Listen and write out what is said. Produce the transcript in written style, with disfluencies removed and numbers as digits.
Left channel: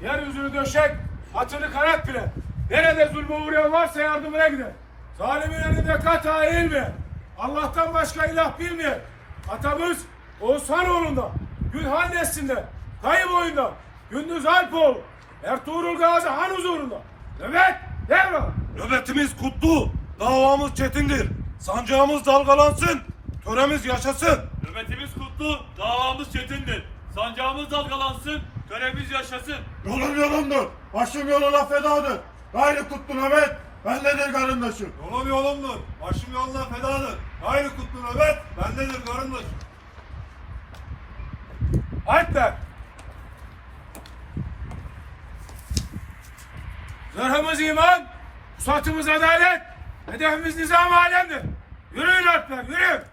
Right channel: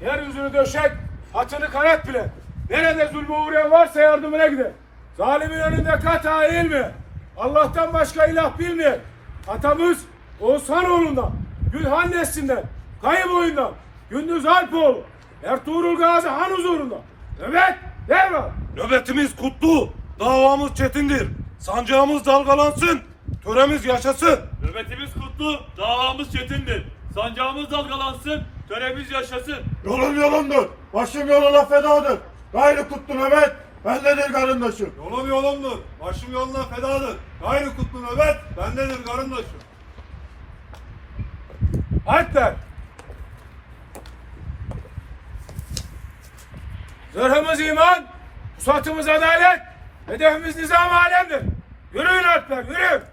Yeryüzünü döşek, atını kanat bile. Nerede zulme uğrayan varsa yardımına gider. Zalimin önünde kata eğilme. Allah'tan başka ilah bilmeyen atamız Oğuzhanoğlu'ndan, Gülhan neslinden, Kayıboyundan, Gündüz Alpoğlu, Ertuğrul Gazi Han huzurunda. Nöbet derhal. Nöbetimiz kutlu, davamız çetindir. Sancağımız dalgalansın, töremiz yaşasın. Nöbetimiz kutlu, davamız çetindir. Sancağımız dalgalansın, töremiz yaşasın. Yolum yolundur, başım yoluna fedadır. Gayrı tuttu nöbet, bendedir karındaşım. Yolum yolundur, başım yoluna fedadır. Gayrı kutlu nöbet, bendedir karındaşım. Harpler. Zırhımız iman, pusatımız adalet, hedefimiz nizam alemdir. Yürüyün harpler, yürü.